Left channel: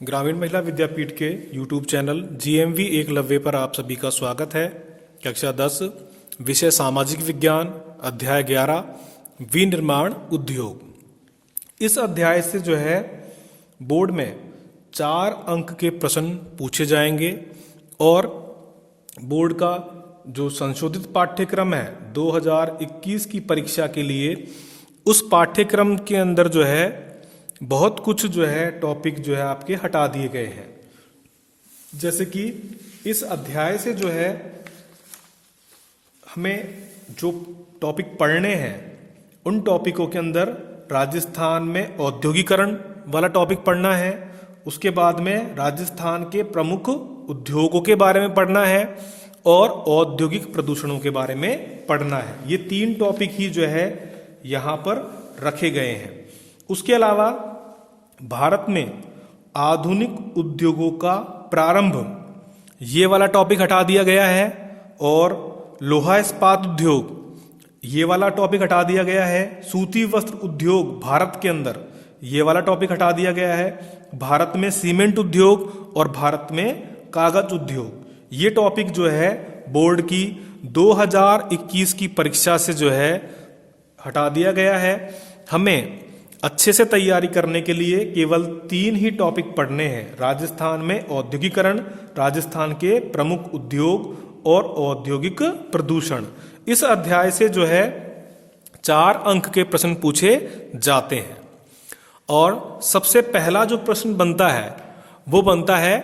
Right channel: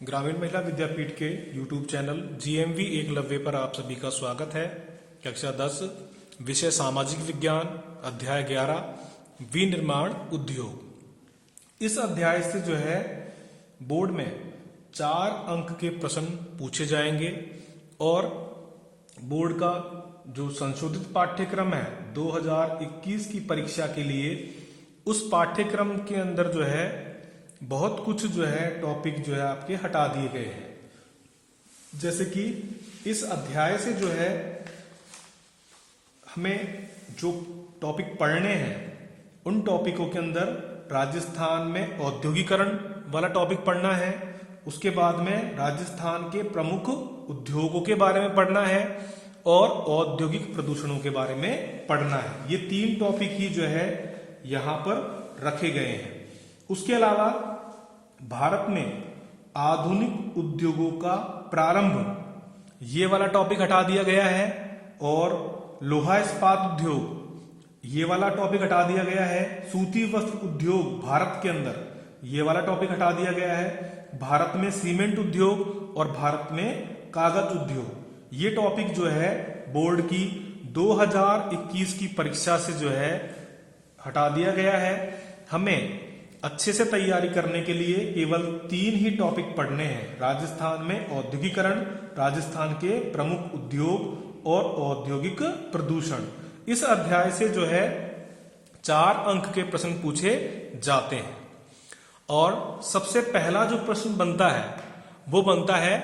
ग्रामीण महिला विद्यापीठ के YouTube चैनल GMV एकलव्य पर आप सभी का स्वागत है। कक्षा 10 विषय सामाजिक विज्ञान अध्याय 11 विनिर्माण उद्योग। इस अध्याय से जो है बोर्ड में 4 अंक के प्रश्न पूछे जाएंगे और बोर्ड का जो संशोधित पाठ्यक्रम है 2021 की परीक्षा के लिए उस पाठ्यक्रम के अंदर जो है बहुत कुछ जो है टॉपिक जो है आपके हटा दिए गए हैं। जैसे कि इस अध्याय से जो है हमें जो टॉपिक पढ़ने हैं उन टॉपिकों के अंदर राजस्थान में औद्योगिकरण वाला टॉपिक पढ़ना है, उसके बाद में राजस्थान के प्रमुख उद्योगों के बारे में पढ़ना है और औद्योगिक प्रदूषणों के बारे में पढ़ना है। ये 3 टॉपिक ही जो है यहाँ पर रखे गए हैं। उसके अलावा भारत में आधुनिक उद्योगों का प्रारंभ ये वाला टॉपिक हटा दिया गया है और लोहा इस्पात उद्योग ये वाला टॉपिक हटा दिया गया है। सूती वस्त्र उद्योग भारत के अंदर ये वाला टॉपिक हटा दिया गया है। भारत में सीमेंट उद्योग और भारत में कागज उद्योग ये टॉपिक जो है बोर्ड की 2021 की परीक्षा से जो है हटा दिया गया है। हमें अच्छे से तैयारी करने के लिए केवल 3 ही टॉपिक पढ़ने हैं। राजस्थान में औद्योगिकरण, राजस्थान के प्रमुख उद्योग और औद्योगिक प्रदूषण। इस अध्याय से जो है 4 अंक के प्रश्न पूछे जाते हैं और सबसे पहला जो प्रश्न बनता है वो बनता है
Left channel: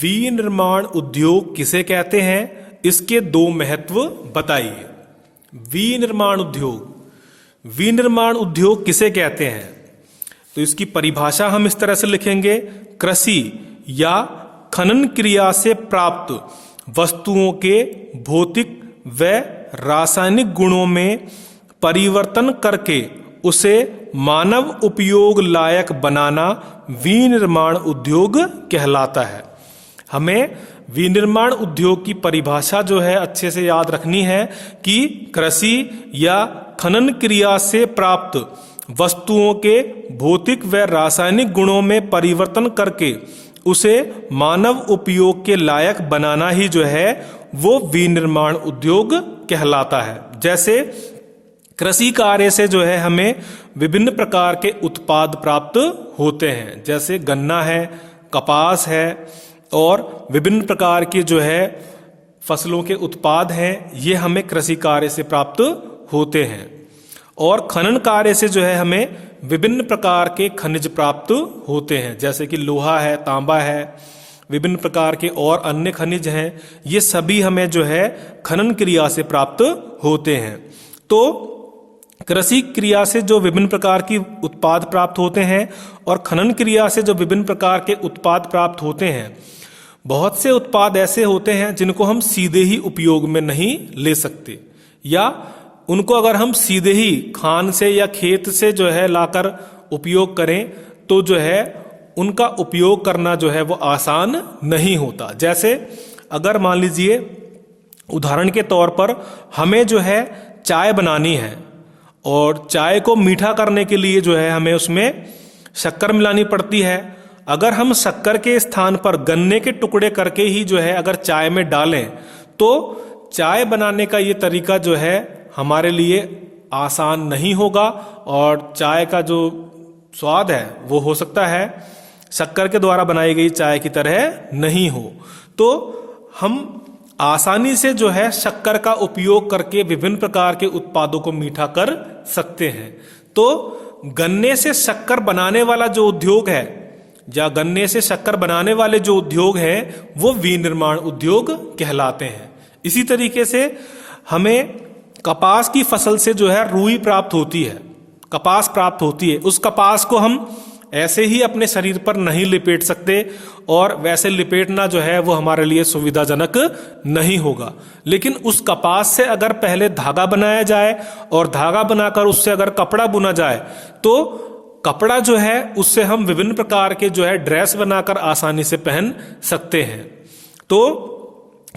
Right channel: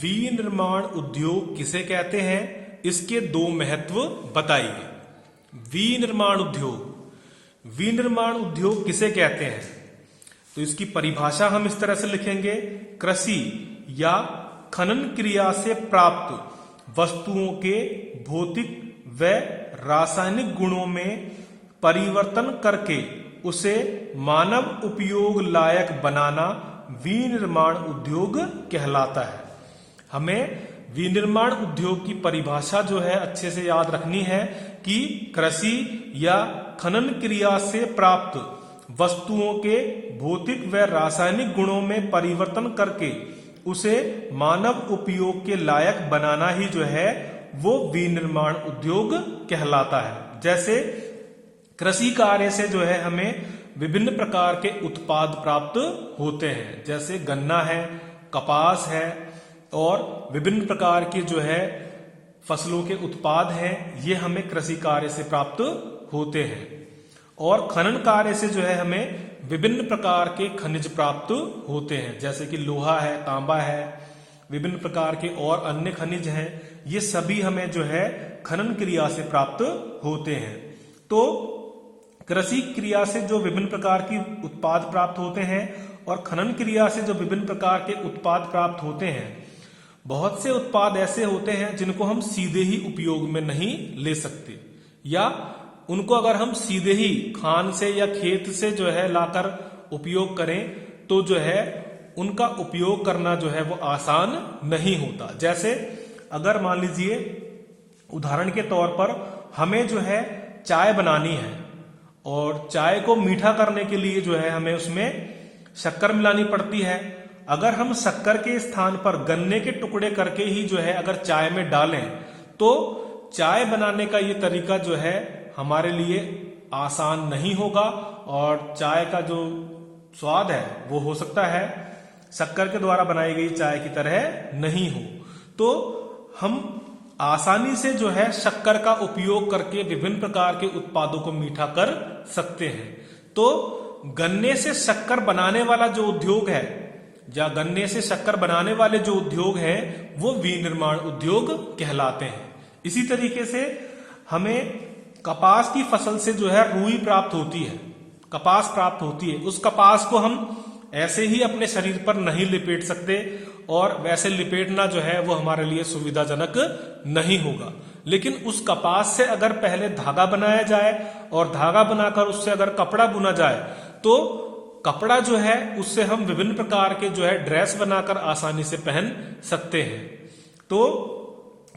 विनिर्माण उद्योग किसे कहते हैं, इसके 2 महत्व बताइए। विनिर्माण उद्योग किसे कहते हैं तो इसकी परिभाषा हम इस तरह से लिखेंगे, कृषि या खनन क्रिया से प्राप्त वस्तुओं के भौतिक व रासायनिक गुणों में परिवर्तन करके उसे मानव उपयोग लायक बनाना विनिर्माण उद्योग कहलाता है। हमें विनिर्माण उद्योग की परिभाषा जो है अच्छे से याद रखनी है कि कृषि या खनन क्रिया से प्राप्त वस्तुओं के भौतिक व रासायनिक गुणों में परिवर्तन करके उसे मानव उपयोग के लायक बनाना ही जो है वो विनिर्माण उद्योग कहलाता है। जैसे कृषि कार्य से जो है हमें विभिन्न प्रकार के उत्पाद प्राप्त होते हैं, जैसे गन्ना है, कपास है और विभिन्न प्रकार के जो है फसलों के उत्पाद हैं, ये हमें कृषि कार्य से प्राप्त होते हैं। और खनन कार्य से जो है हमें विभिन्न प्रकार के खनिज प्राप्त होते हैं, जैसे कि लोहा है, तांबा है, विभिन्न प्रकार के और अन्य खनिज हैं। ये सभी हमें जो है खनन क्रिया से प्राप्त होते हैं। तो कृषि क्रिया से जो विभिन्न प्रकार की उत्पाद प्राप्त होते हैं और खनन क्रिया से जो विभिन्न प्रकार के उत्पाद प्राप्त होते हैं, बहुत से उत्पाद ऐसे होते हैं जिनको हम सीधे ही उपयोग में नहीं ले सकते, या उनको अगर हम सीधे ही खान से या खेत से जो है लाकर उपयोग करें तो जो है उनका उपयोग करना जो है वो आसान नहीं होता। जैसे अगर मान लीजिए उदाहरण के तौर पर हमें जो है चाय बनानी है और चाय को मीठा करने के लिए जो है हमें उसमें शक्कर मिलानी पड़ती है। अगर हम शक्कर के स्थान पर गन्ने के टुकड़े करके ही जो है अगर चाय में डालें तो चाय बनाने का ये तरीका जो है हमारे लिए आसान नहीं होगा और चाय का जो स्वाद है वो हो सकता है शक्कर के द्वारा बनाई गई चाय की तरह नहीं हो। तो हम आसानी से जो है शक्कर का उपयोग करके विभिन्न प्रकार के उत्पादों को मीठा कर सकते हैं। तो गन्ने से शक्कर बनाने वाला जो उद्योग है या गन्ने से शक्कर बनाने वाले जो उद्योग हैं वो विनिर्माण उद्योग कहलाते हैं। इसी तरीके से हमें कपास की फसल से जो है रुई प्राप्त होती है, कपास प्राप्त होती है। उस कपास को हम ऐसे ही अपने शरीर पर नहीं लिपेट सकते और वैसे लिपेटना जो है वो हमारे लिए सुविधाजनक नहीं होगा। लेकिन उस कपास से अगर पहले धागा बनाया जाए और धागा बनाकर उससे अगर कपड़ा बुना जाए तो कपड़ा जो है उससे हम विभिन्न प्रकार के जो है ड्रेस बनाकर आसानी से पहन सकते हैं। तो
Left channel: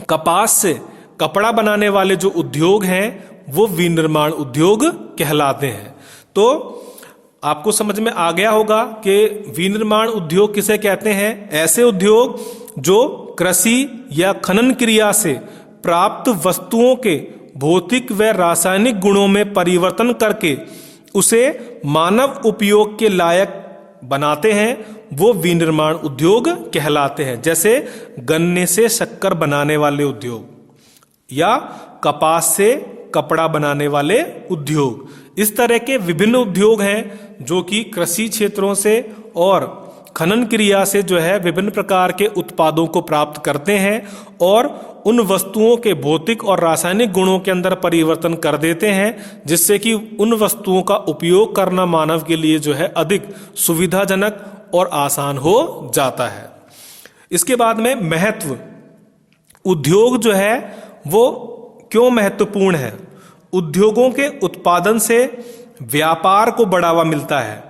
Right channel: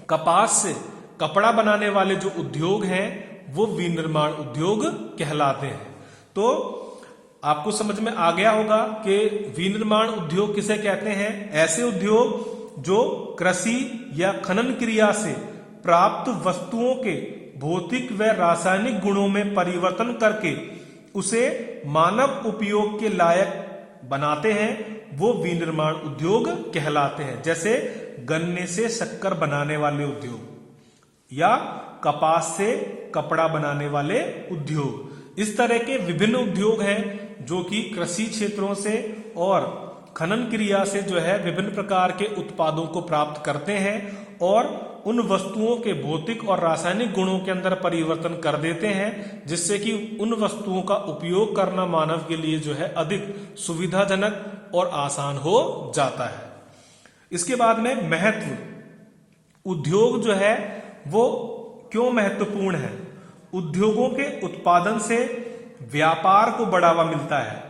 कपास से कपड़ा बनाने वाले जो उद्योग हैं वो विनिर्माण उद्योग कहलाते हैं। तो आपको समझ में आ गया होगा कि विनिर्माण उद्योग किसे कहते हैं। ऐसे उद्योग जो कृषि या खनन क्रिया से प्राप्त वस्तुओं के भौतिक व रासायनिक गुणों में परिवर्तन करके उसे मानव उपयोग के लायक बनाते हैं, वो विनिर्माण उद्योग कहलाते हैं। जैसे गन्ने से शक्कर बनाने वाले उद्योग या कपास से कपड़ा बनाने वाले उद्योग। इस तरह के विभिन्न उद्योग हैं जो कि कृषि क्षेत्रों से और खनन क्रिया से जो है विभिन्न प्रकार के उत्पादों को प्राप्त करते हैं और उन वस्तुओं के भौतिक और रासायनिक गुणों के अंदर परिवर्तन कर देते हैं, जिससे कि उन वस्तुओं का उपयोग करना मानव के लिए जो है अधिक सुविधाजनक और आसान हो जाता है। इसके बाद में महत्व, उद्योग जो है वो क्यों महत्वपूर्ण है। उद्योगों के उत्पादन से व्यापार को बढ़ावा मिलता है।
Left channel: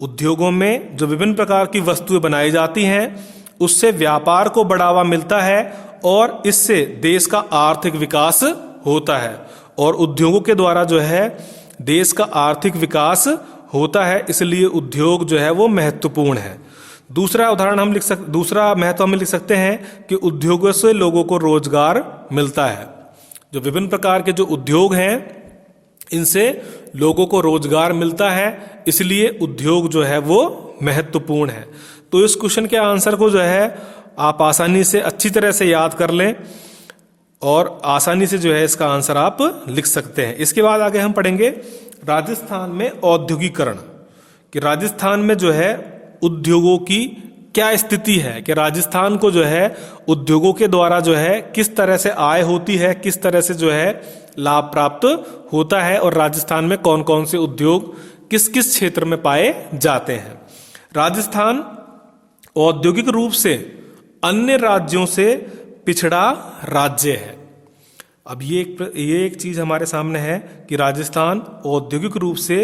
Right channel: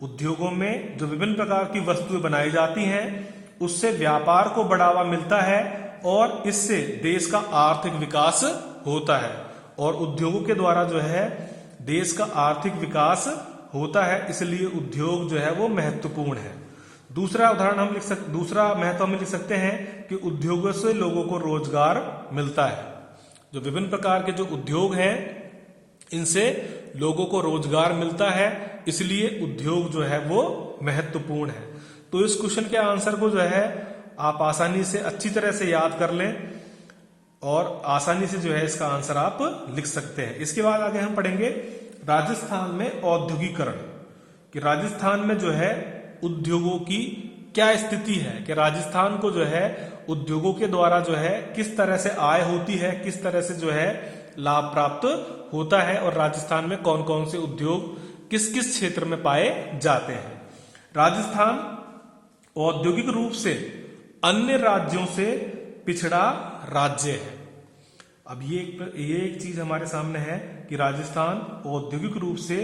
उद्योगों में जो विभिन्न प्रकार की वस्तुएं बनाई जाती हैं उससे व्यापार को बढ़ावा मिलता है और इससे देश का आर्थिक विकास होता है और उद्योगों के द्वारा जो है देश का आर्थिक विकास होता है, इसलिए उद्योग जो है वो महत्वपूर्ण है। दूसरा महत्व हम लिख सकते हैं कि उद्योगों से लोगों को रोजगार मिलता है। जो विभिन्न प्रकार के जो उद्योग हैं इनसे लोगों को रोजगार मिलता है, इसलिए उद्योग जो है वो महत्वपूर्ण है। तो इस क्वेश्चन के आंसर को जो है आप आसानी से अच्छी तरह से याद कर लें और आसानी से जो है इसका आंसर आप लिख सकते हैं। इसके बाद आगे हम पढ़ेंगे राजस्थान में औद्योगिकरण, कि राजस्थान में जो है उद्योगों की क्या स्थिति है, कि राजस्थान को जो है उद्योगों के द्वारा जो है किस तरह से आय होती है, किस तरह से जो है लाभ प्राप्त होता है और राजस्थान में कौन कौन से उद्योग किस किस क्षेत्र में पाए जाते हैं। राजस्थान औद्योगिक रूप से अन्य राज्यों से पिछड़ा राज्य है। अब ये एक चीज हमारे सामने है कि राजस्थान औद्योगिक रूप से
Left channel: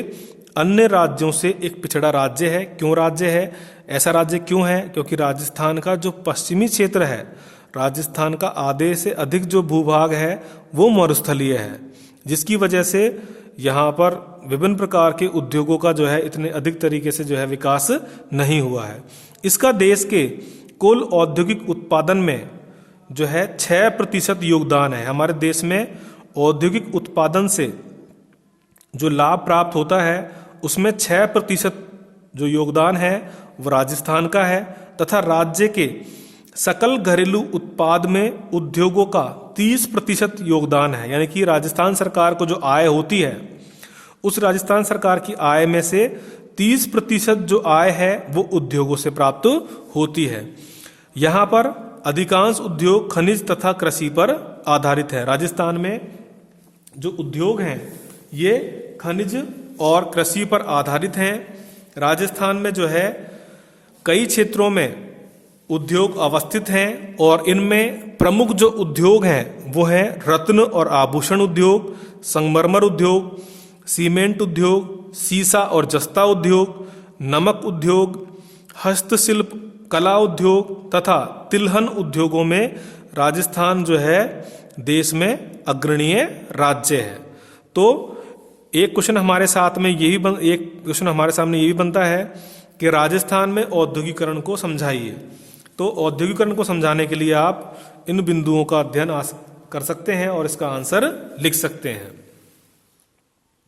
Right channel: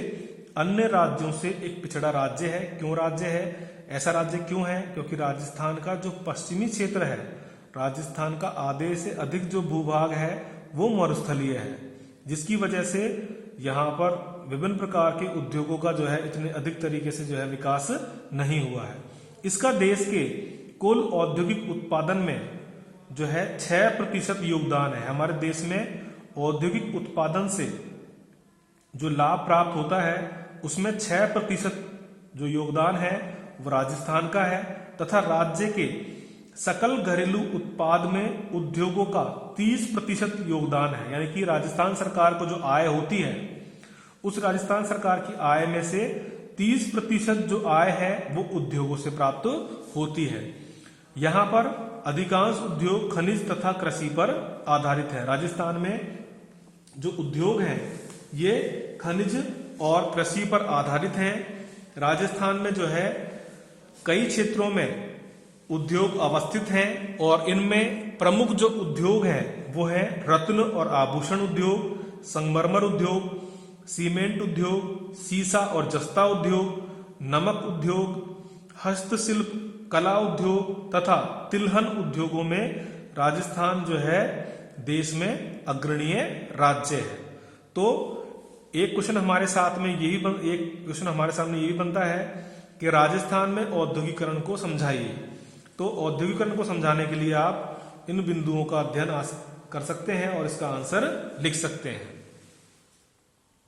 अन्य राज्यों से एक पिछड़ा राज्य है। क्यों राज्य है, ऐसा राज्य क्यों है? क्योंकि राजस्थान का जो पश्चिमी क्षेत्र है, राजस्थान का आधे से अधिक जो भूभाग है वो मरुस्थलीय है, जिसकी वजह से यहाँ पर विभिन्न प्रकार के उद्योगों का जो है इतने अधिक तरीके से जो है विकास नहीं हुआ है। इसका देश के कुल औद्योगिक उत्पादन में जो है 6% योगदान है। हमारे देश में औद्योगिक उत्पादन से जो लाभ प्राप्त होता है उसमें 6% जो योगदान है वो राजस्थान का है, तथा राज्य के सकल घरेलू उत्पाद में उद्योगों का 30% योगदान है। यानी कि राजस्थान सरकार को जो आय होती है उस राजस्थान सरकार की आय में से 30% जो आय है वो उद्योगों से प्राप्त होती है। यहाँ पर अधिकांश उद्योग खनिज तथा कृषि पर आधारित है। राजस्थान में जो उद्योग हैं ये खनिज और कृषि पर आधारित हैं। राजस्थान में जो है कई क्षेत्रों में उद्योग अवस्थित हैं और इनमें प्रमुख जो उद्योग हैं वो है रत्न और आभूषण उद्योग, संगमरमर उद्योग, सीमेंट उद्योग, सीसा और जस्ता उद्योग, नमक उद्योग, हस्तशिल्प कला उद्योग तथा तिलहन उद्योगों में राजस्थान जो है देश में अग्रणीय राज्य है। तो एक क्वेश्चन हमारे सामने ये भी बनता है कि राजस्थान में औद्योगिकरण को समझाइए। तो औद्योगिकरण को समझाने के लिए आप इन बिंदुओं का अध्ययन कर सकते हैं और इसका आंसर लिख सकते हैं।